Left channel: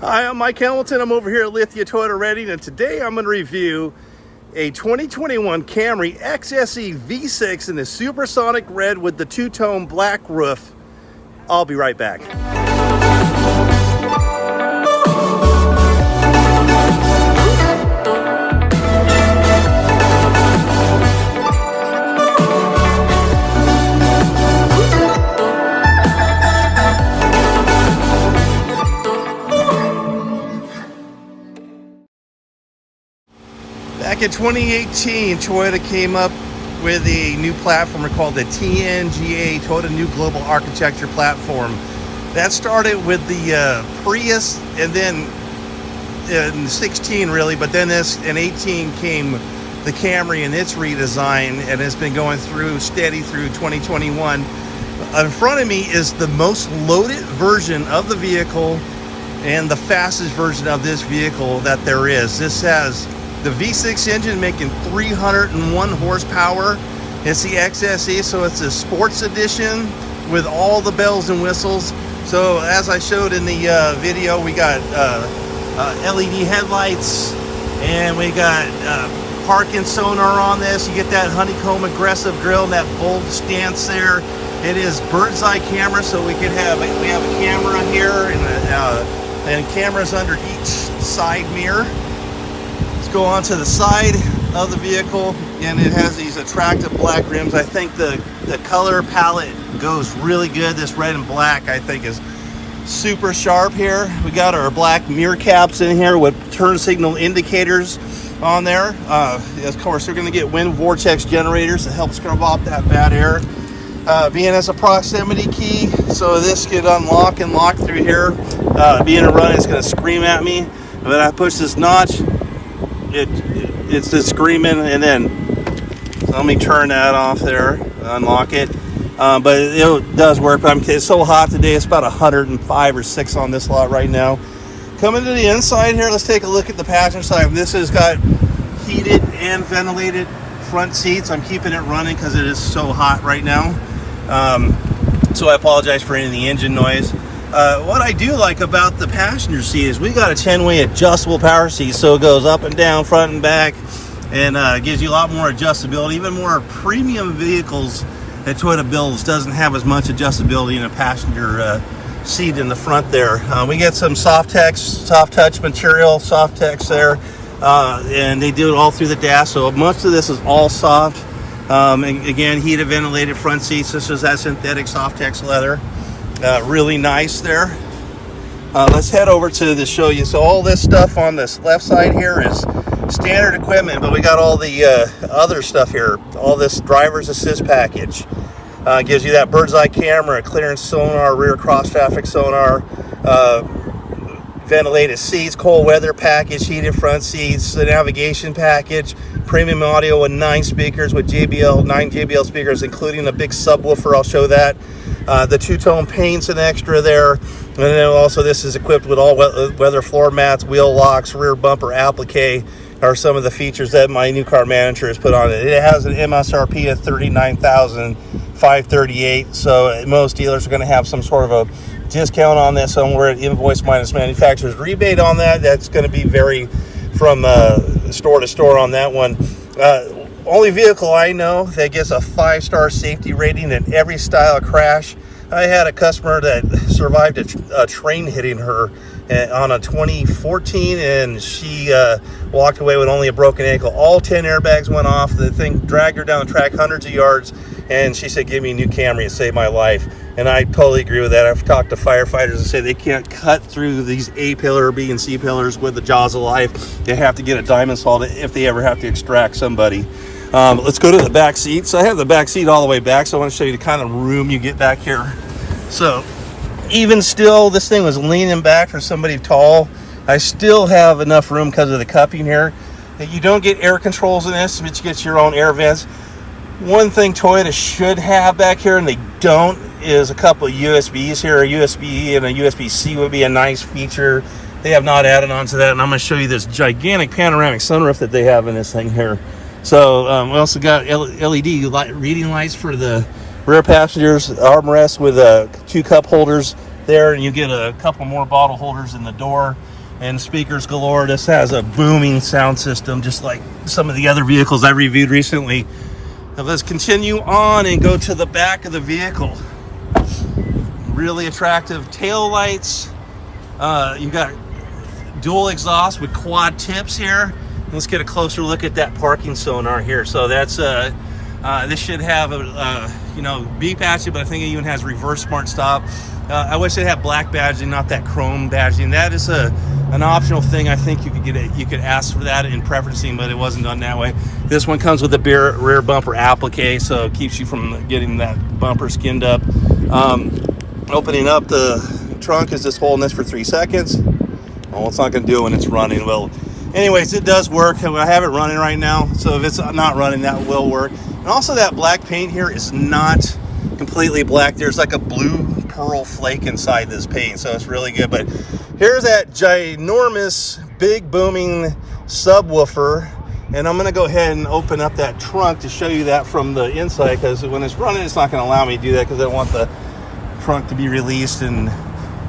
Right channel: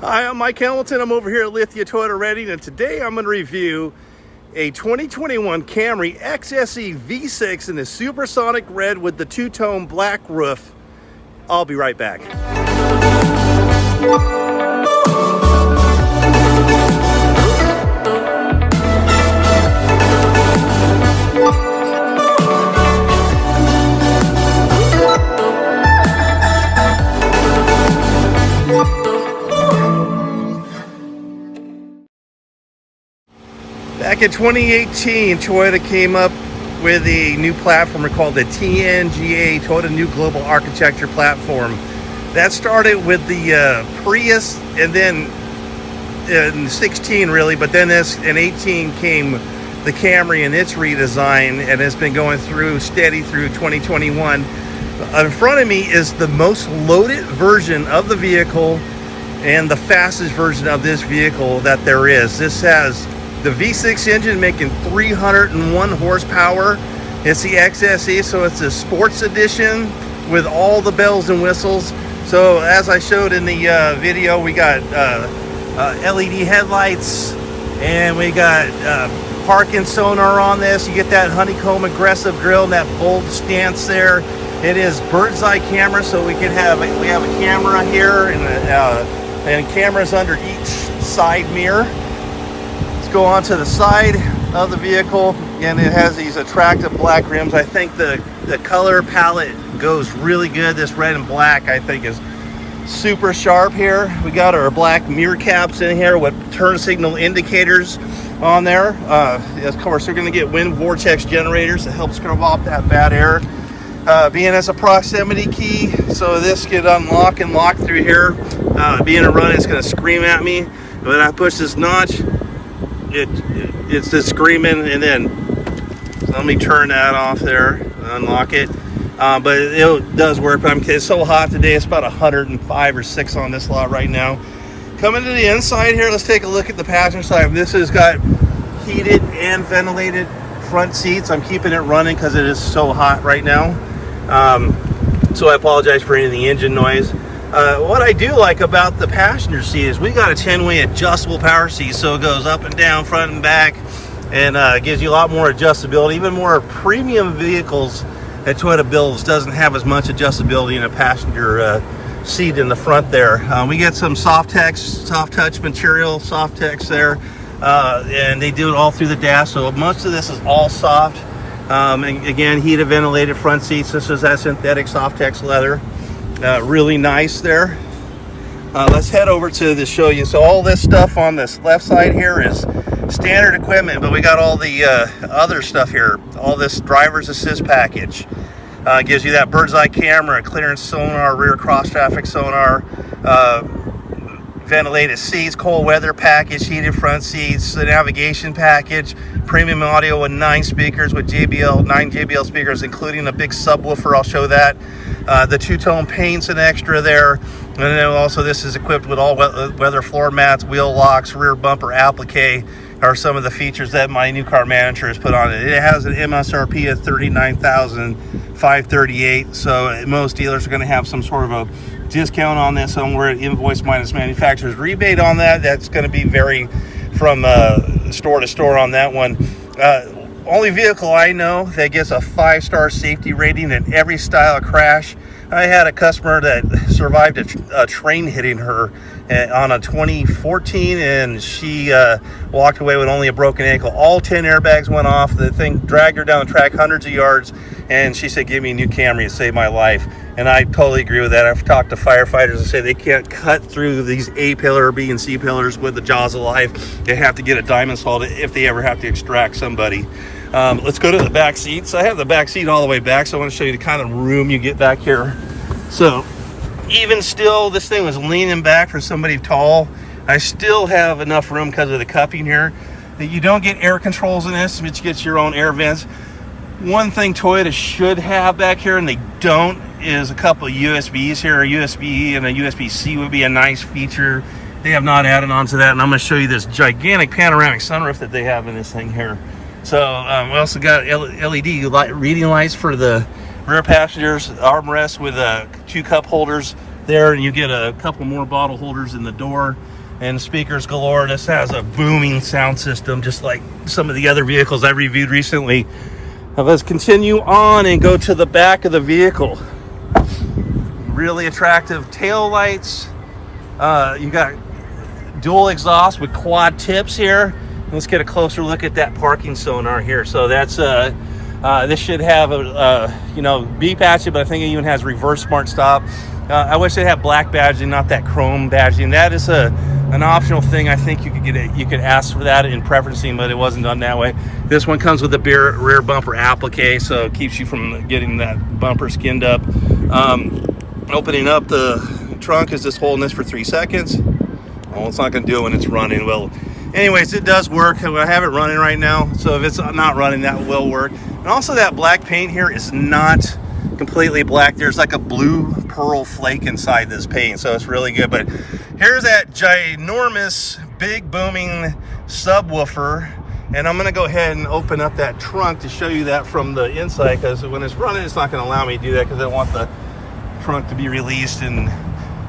Hi, I'm Mike Hamilton. I'm over here at Lithia Toyota Reading, and today I'm going to review a 2021 Camry XSE V6 in the supersonic red with the two-tone black roof. I'll be right back. Back in 2018, Toyota came up with a new platform called the TNGA, Toyota New Global Architecture Platform. That started with the Prius, and then in 16 really, but then in 18 came the Camry and its redesign, and it's been going through steady through 2021. In front of me is the most loaded version of the vehicle and the fastest version of this vehicle that there is. This has the V6 engine making 301 horsepower. It's the XSE, so it's a sports edition with all the bells and whistles. So as I showed in the video, we got LED headlights, and we got parking sonar on this. You get that honeycomb aggressive grille and that bold stance there. It is bird's eye camera, so we have a camera here and cameras under each side mirror. Go on to the side of the vehicle, and it has these attractive black rims. I think the color palette goes really good. This red and black I think is super sharp here. We got our black mirror caps in here with turn signal indicators on there. Of course, we're going to get wind vortex generators to help scrub off that bad air. Being as a proximity key, so this can unlock and lock through here. Being a run, it's going to scream at me. But I push this notch, it's just screaming, and then let me turn that off there, unlock it. But it does work. But it's so hot today, it's about 105 or 6 on this lot right now. Coming to the inside here, let's take a look at the passenger side. This has got heated and ventilated front seats. I'm keeping it running because it is so hot right now. So I apologize for any of the engine noise. What I do like about the passenger seat is we got a 10-way adjustable power seat, so it goes up and down, front and back, and gives you a lot more adjustability. Even more premium vehicles that Toyota builds doesn't have as much adjustability in a passenger seat in the front there. We get some soft touch material, soft text there, and they do it all through the dash, so most of this is all soft. And again, heated, ventilated front seats. This is that synthetic soft text leather. Really nice there. Let's head over to the show you. So all this stuff on this left side here is standard equipment, but we got all the other stuff here. All this driver's assist package gives you that bird's eye camera, clearance sonar, rear cross traffic sonar, ventilated seats, cold weather package, heated front seats, the navigation package, premium audio with 9 speakers with nine JBL speakers, including a big subwoofer. I'll show that. The two-tone paint's an extra there, and then also this is equipped with all weather floor mats, wheel locks, rear bumper applique are some of the features that my new car manager has put on it. It has an MSRP of $39,538, so most dealers are going to have some sort of a discount on this, somewhere at invoice minus manufacturer's rebate on that. That's going to be vary from store to store on that one. Only vehicle I know that gets a 5-star safety rating in every style crash. I had a customer that survived a train hitting her on a 2014, and she walked away with only a broken ankle. All 10 airbags went off. The thing dragged her down the track hundreds of yards, and she said, "Give me a new Camry, it saved my life." And I totally agree with that. I've talked to firefighters and say they can't cut through these A pillar, B and C pillars with the jaws of life. They have to get a diamond salt if they ever have to extract somebody. Let's go to the back seat. So I have the back seat all the way back, so I want to show you the kind of room you get back here. So even still, this thing was leaning back for somebody tall. I still have enough room because of the cupping here. That you don't get air controls in this, but you get your own air vents. One thing Toyota should have back here, and they don't, is a couple of USBs here. A USB and a USB-C would be a nice feature. They have not added on to that, and I'm going to show you this gigantic panoramic sunroof that they have in this thing here. So we also got LED reading lights for the rear passengers, armrests with 2 cup holders there, and you get a couple more bottle holders in the door, and speakers galore. This has a booming sound system, just like some of the other vehicles I reviewed recently. Now let's continue on and go to the back of the vehicle. Really attractive tail lights. You got dual exhaust with quad tips here. Let's get a closer look at that parking sonar here. So that's this should have a beep at you, but I think it even has reverse smart stop. I wish it had black badging, not that chrome badging. That is an optional thing. I think you could you could ask for that in preferencing, but it wasn't done that way. This one comes with a rear bumper applique, so it keeps you from getting that bumper skinned up. Opening up the trunk is just holding this for 3 seconds. Well, it's not going to do it when it's running. Well, anyways, it does work. I have it running right now, so if it's not running, that will work. And also, that black paint here is not completely black. There's like a blue pearl flake inside this paint, so it's really good. But here's that ginormous, big, booming subwoofer, and I'm going to go ahead and open up that trunk to show you that from the inside, because when it's running, it's not going to allow me to do that because I don't want the trunk to be released and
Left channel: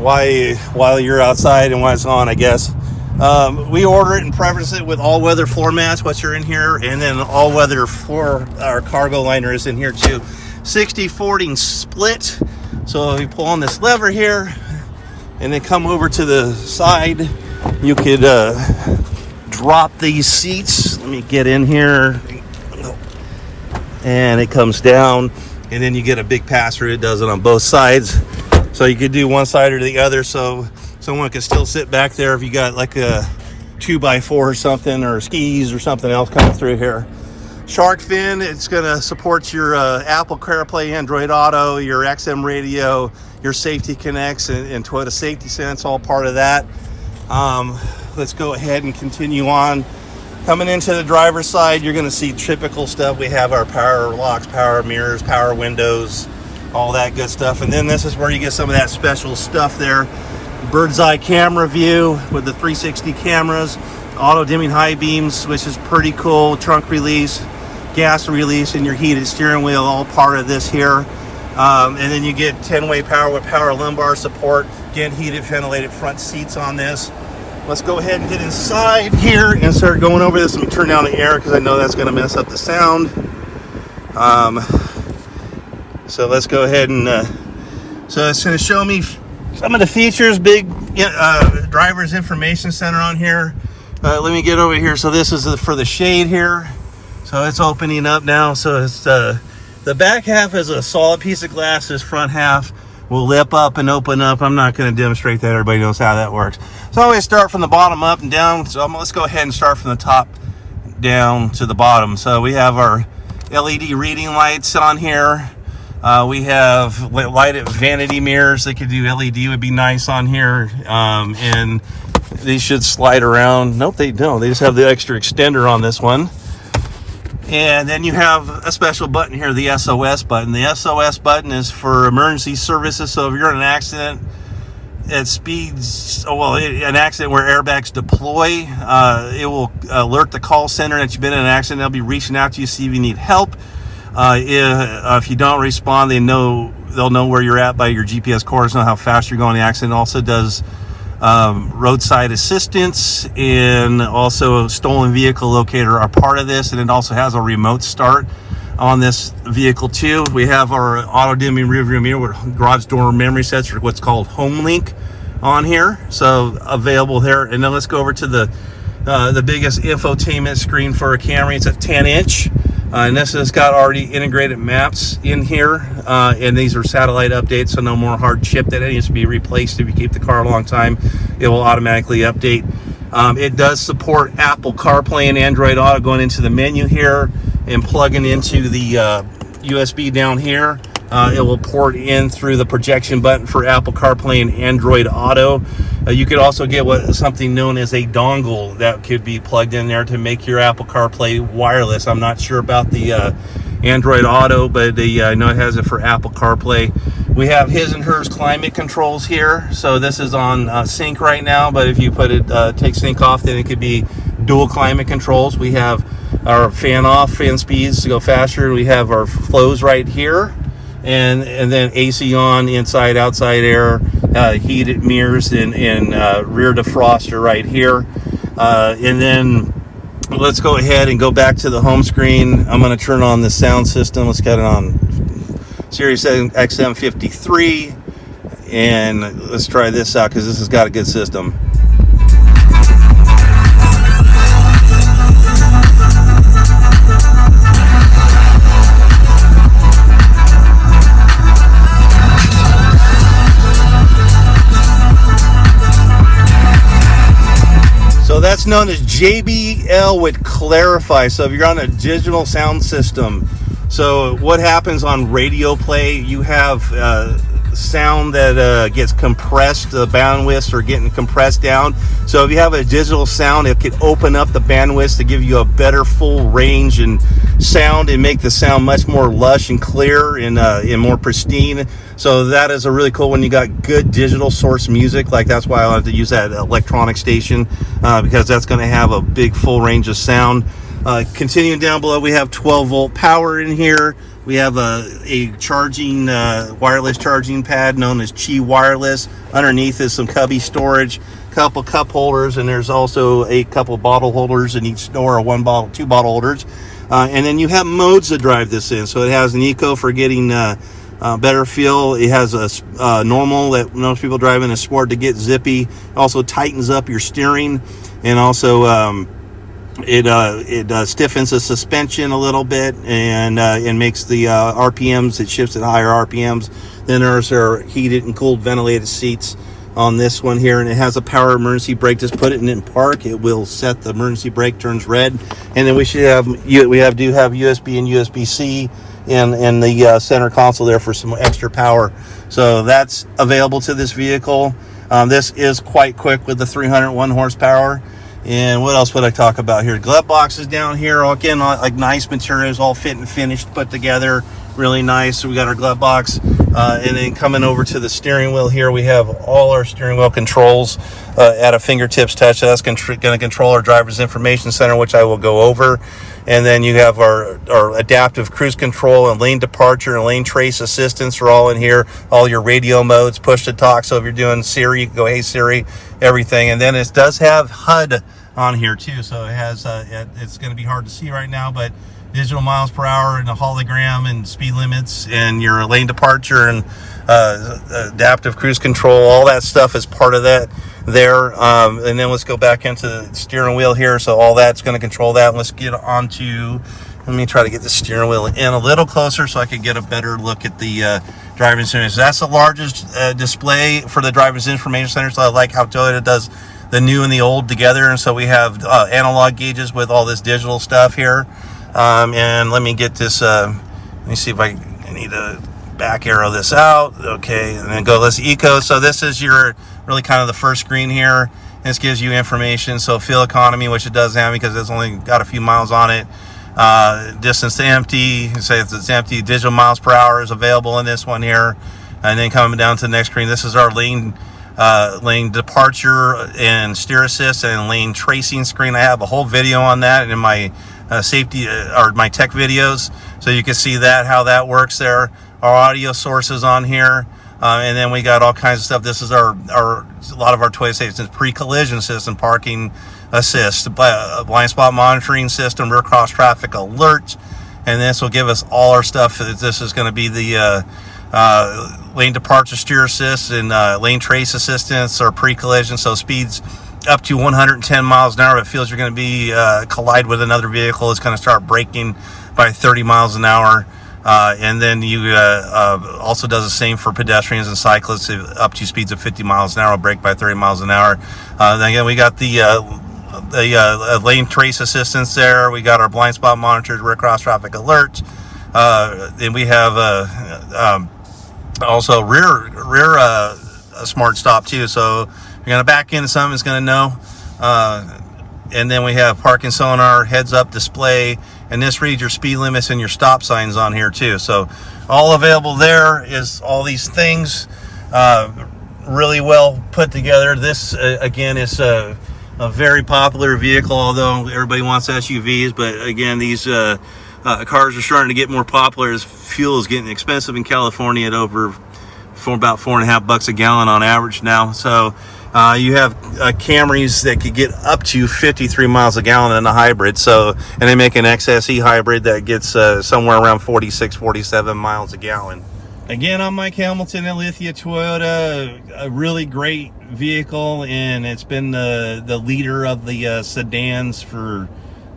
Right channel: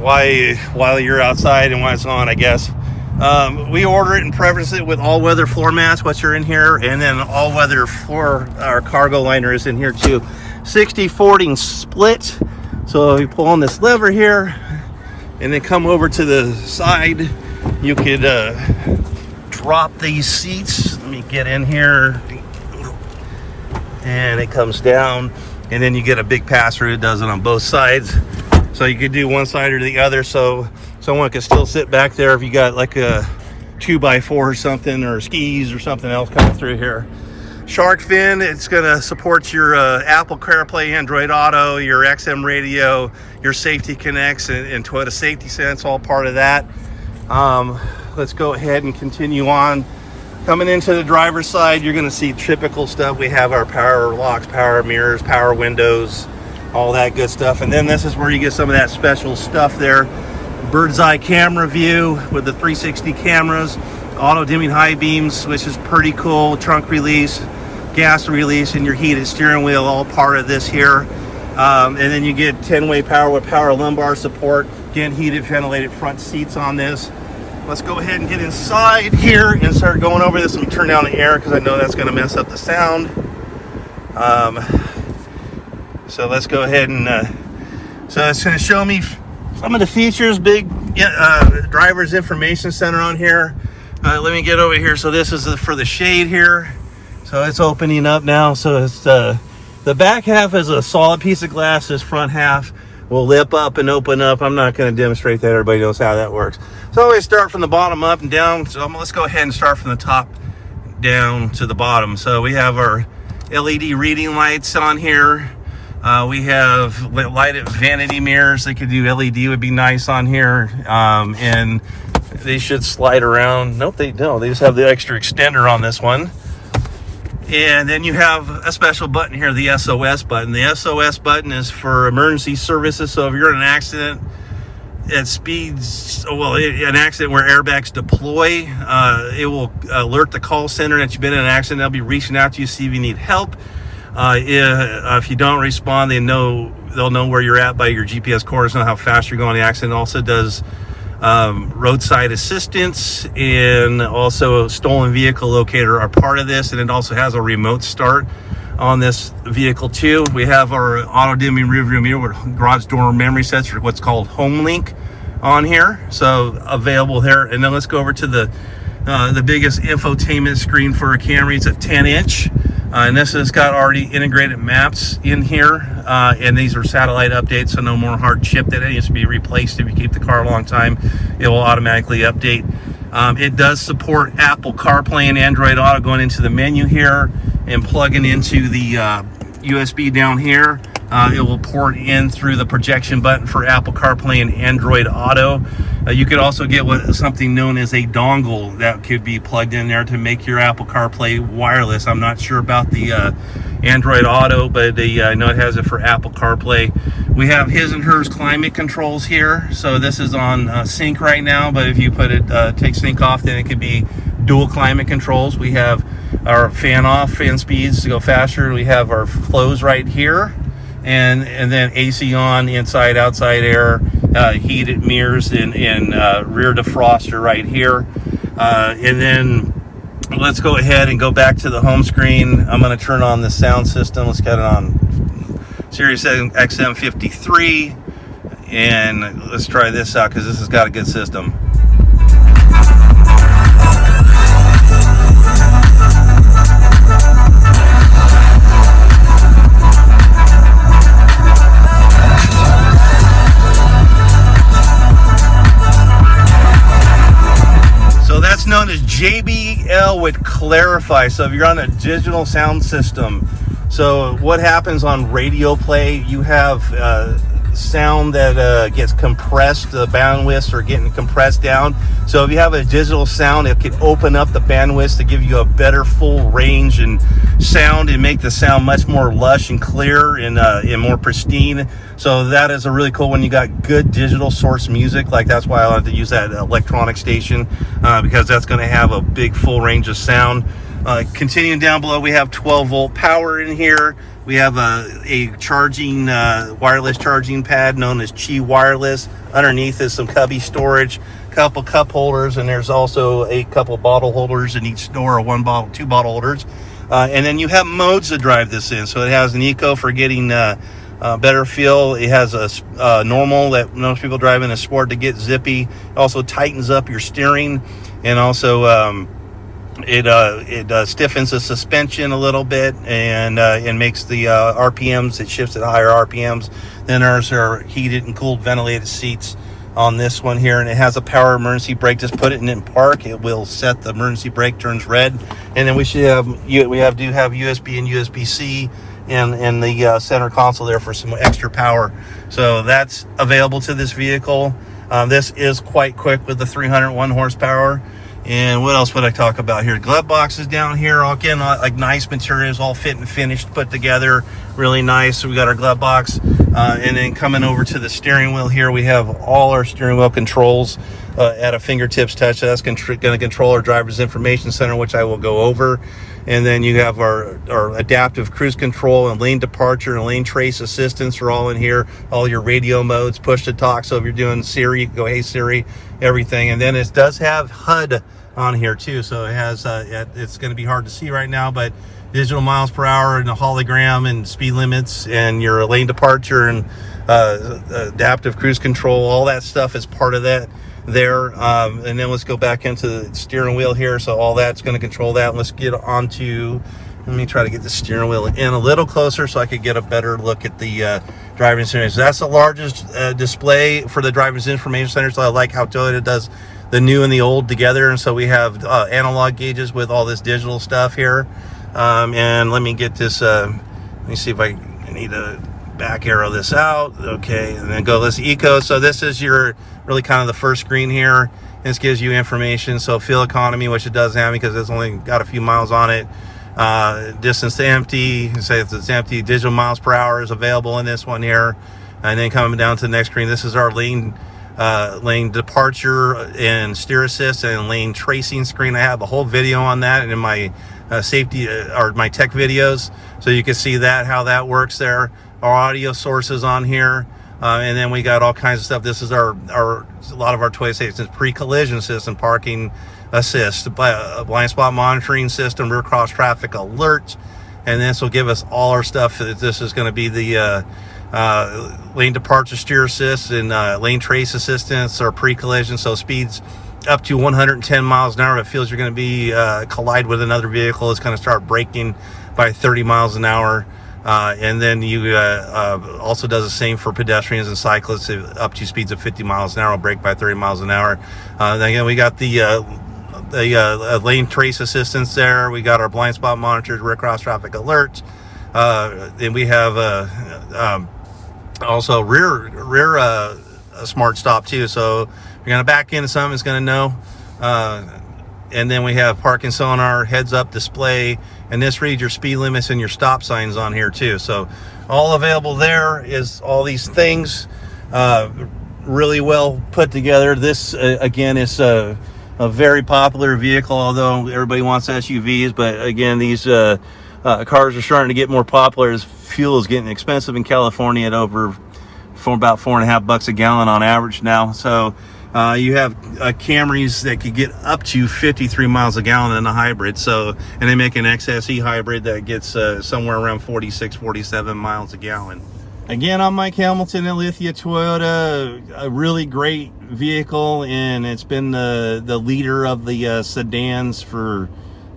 while you're outside and when it's on, I guess. We order it and preference it with all-weather floor mats, which are in here, and then all-weather floor, our cargo liner is in here too. 60/40 split. So if you pull on this lever here and then come over to the side, you could drop these seats. Let me get in here, and it comes down, and then you get a big pass-through. It does it on both sides, so you could do one side or the other, so someone could still sit back there if you got like a 2x4 or something, or skis or something else coming through here. Shark fin, it's going to support your Apple CarPlay, Android Auto, your XM radio, your Safety Connects, and Toyota Safety Sense, all part of that. Let's go ahead and continue on. Coming into the driver's side, you're going to see typical stuff. We have our power locks, power mirrors, power windows, all that good stuff. And then this is where you get some of that special stuff there. Bird's eye camera view with the 360 cameras, auto dimming high beams, which is pretty cool. Trunk release, gas release, and your heated steering wheel, all part of this here. And then you get 10-way power with power lumbar support. Again, heated, ventilated front seats on this. Let's go ahead and get inside here and start going over this. Let me turn down the air because I know that's going to mess up the sound. So let's go ahead and so it's going to show me some of the features. Big driver's information center on here. Let me get over here. So this is for the shade here. So it's opening up now. So it's the back half is a solid piece of glass. This front half will lip up and open up. I'm not going to demonstrate that. Everybody knows how that works. So I always start from the bottom up and down. So let's go ahead and start from the top down to the bottom. So we have our LED reading lights on here. We have lighted vanity mirrors. They could do LED, would be nice on here. And they should slide around. Nope, they don't. They just have the extra extender on this one. And then you have a special button here, the SOS button. The SOS button is for emergency services. So if you're in an accident at speeds, an accident where airbags deploy, it will alert the call center that you've been in an accident. They'll be reaching out to you, see if you need help. If you don't respond, they'll know where you're at by your GPS coordinates, know how fast you're going. The accident also does roadside assistance, and also a stolen vehicle locator are part of this, and it also has a remote start on this vehicle too. We have our auto dimming rear view mirror with garage door memory sets, or what's called Home Link, on here, so available here. And then let's go over to the biggest infotainment screen for a Camry. It's a 10-inch. And this has got already integrated maps in here, and these are satellite updates, so no more hard chip that needs to be replaced. If you keep the car a long time, it will automatically update. It does support Apple CarPlay and Android Auto, going into the menu here and plugging into the USB down here. It will port in through the projection button for Apple CarPlay and Android Auto. You could also get something known as a dongle that could be plugged in there to make your Apple CarPlay wireless. I'm not sure about the Android Auto, but I know it has it for Apple CarPlay. We have his and hers climate controls here. So this is on sync right now, but if you put it, take sync off, then it could be dual climate controls. We have our fan off, fan speeds to go faster. We have our flows right here. And then AC on, inside, outside air, heated mirrors and rear defroster right here. And then let's go ahead and go back to the home screen. I'm going to turn on the sound system. Let's get it on Sirius XM 53, and let's try this out because this has got a good system. That's known as JBL with Clarify. So if you're on a digital sound system, so what happens on radio play, you have sound that gets compressed, the bandwidths are getting compressed down. So if you have a digital sound, it can open up the bandwidth to give you a better full range and sound and make the sound much more lush and clear and more pristine. So that is a really cool when you got good digital source music. Like that's why I like to use that electronic station because that's going to have a big full range of sound. Continuing down below, we have 12-volt power in here. We have a charging wireless charging pad known as Qi Wireless. Underneath is some cubby storage, couple cup holders, and there's also a couple bottle holders in each door, or one bottle, two bottle holders. And then you have modes to drive this in. So it has an eco for getting better feel. It has a normal that most people drive in, a sport to get zippy. It also tightens up your steering, and also it stiffens the suspension a little bit, and it makes the RPMs, it shifts at higher RPMs. Then there's our heated and cooled ventilated seats on this one here, and it has a power emergency brake. Just put it in park, it will set the emergency brake, turns red. And then we do have USB and USB-C in the center console there for some extra power. So that's available to this vehicle. This is quite quick with the 301 horsepower. And what else would I talk about here? Glove boxes down here, again, like nice materials, all fit and finished, put together, really nice. So we got our glove box, and then coming over to the steering wheel here, we have all our steering wheel controls at a fingertips touch. That's going to control our driver's information center, which I will go over. And then you have our adaptive cruise control and lane departure and lane trace assistance are all in here. All your radio modes, push to talk. So if you're doing Siri, you can go, hey Siri, everything. And then it does have HUD on here too. So it has, it's going to be hard to see right now, but digital miles per hour and a hologram and speed limits and your lane departure and adaptive cruise control, all that stuff is part of that there. And then let's go back into the steering wheel here. So all that's going to control that. And let's get onto, let me try to get the steering wheel in a little closer so I could get a better look at the driver's information. So that's the largest display for the driver's information center. So I like how Toyota does the new and the old together. And so we have analog gauges with all this digital stuff here. And let me get this, let me see if I need to back arrow this out. Okay, and then go, let's eco. So this is your really kind of the first screen here. This gives you information. So fuel economy, which it doesn't have because it's only got a few miles on it. Distance to empty, say if it's empty, digital miles per hour is available in this one here. And then coming down to the next screen, this is our lane departure and steer assist and lane tracing screen. I have a whole video on that in my safety or my tech videos, so you can see that, how that works there. Our audio sources on here, and then we got all kinds of stuff. This is our a lot of our Toyota stations: pre-collision system, parking assist, blind spot monitoring system, rear cross traffic alert, and this will give us all our stuff. This is going to be the lane departure steer assist and lane trace assistance or pre-collision, so speeds up to 110 miles an hour. If it feels you're going to be collide with another vehicle, it's going to start braking by 30 miles an hour. And then you also does the same for pedestrians and cyclists up to speeds of 50 miles an hour, brake by 30 miles an hour. Then again, we got the lane trace assistance there. We got our blind spot monitors, rear cross traffic alert. Then we have also rear smart stop too. So if you're going to back into something, it's going to know. And then we have parking sonar, heads up display, and this reads your speed limits and your stop signs on here too. So all available there is all these things, really well put together. This again is a very popular vehicle, although everybody wants SUVs. But again, these cars are starting to get more popular as fuel is getting expensive in California at over for about $4.50 a gallon on average now. So you have Camrys that could get up to 53 miles a gallon in the hybrid. So, and they make an XSE hybrid that gets somewhere around 46, 47 miles a gallon. Again, I'm Mike Hamilton at Lithia Toyota. A really great vehicle, and it's been the leader of the sedans for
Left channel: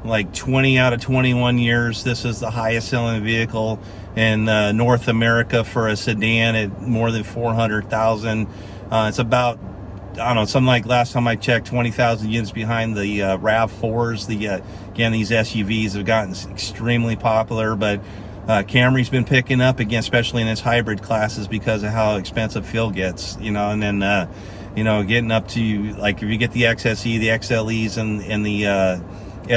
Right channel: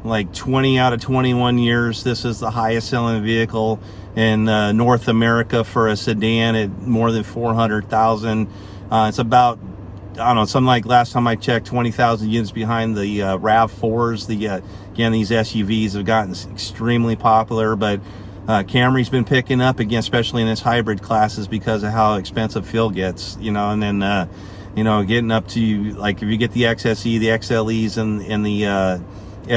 like 20 out of 21 years. This is the highest selling vehicle in North America for a sedan at more than 400,000. It's about, I don't know, something like last time I checked, 20,000 units behind the RAV4s. Again, these SUVs have gotten extremely popular, but Camry's been picking up again, especially in its hybrid classes, because of how expensive fuel gets, you know. And then you know, getting up to, like, if you get the XSE, the XLEs, and the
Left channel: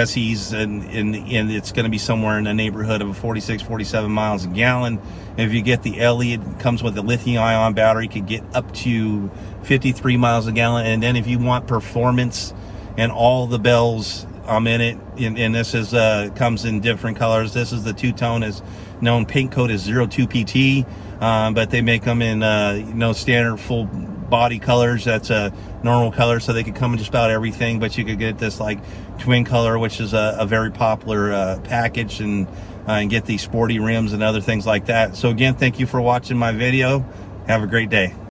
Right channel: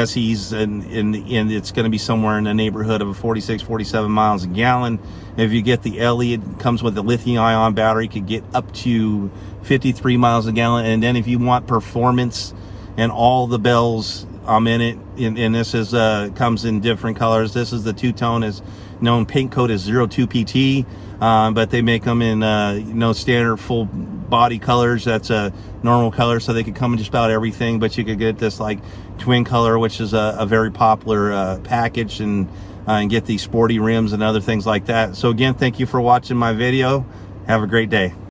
SEs, and it's going to be somewhere in the neighborhood of 46, 47 miles a gallon. If you get the LE, it comes with a lithium-ion battery, could get up to 53 miles a gallon. And then if you want performance and all the bells, I'm in it. And this is comes in different colors. This is the two-tone, is known paint code as 02 PT, but they make them in standard full body colors. That's a normal color, so they could come in just about everything. But you could get this like twin color, which is a very popular package, and get these sporty rims and other things like that. So again, thank you for watching my video. Have a great day.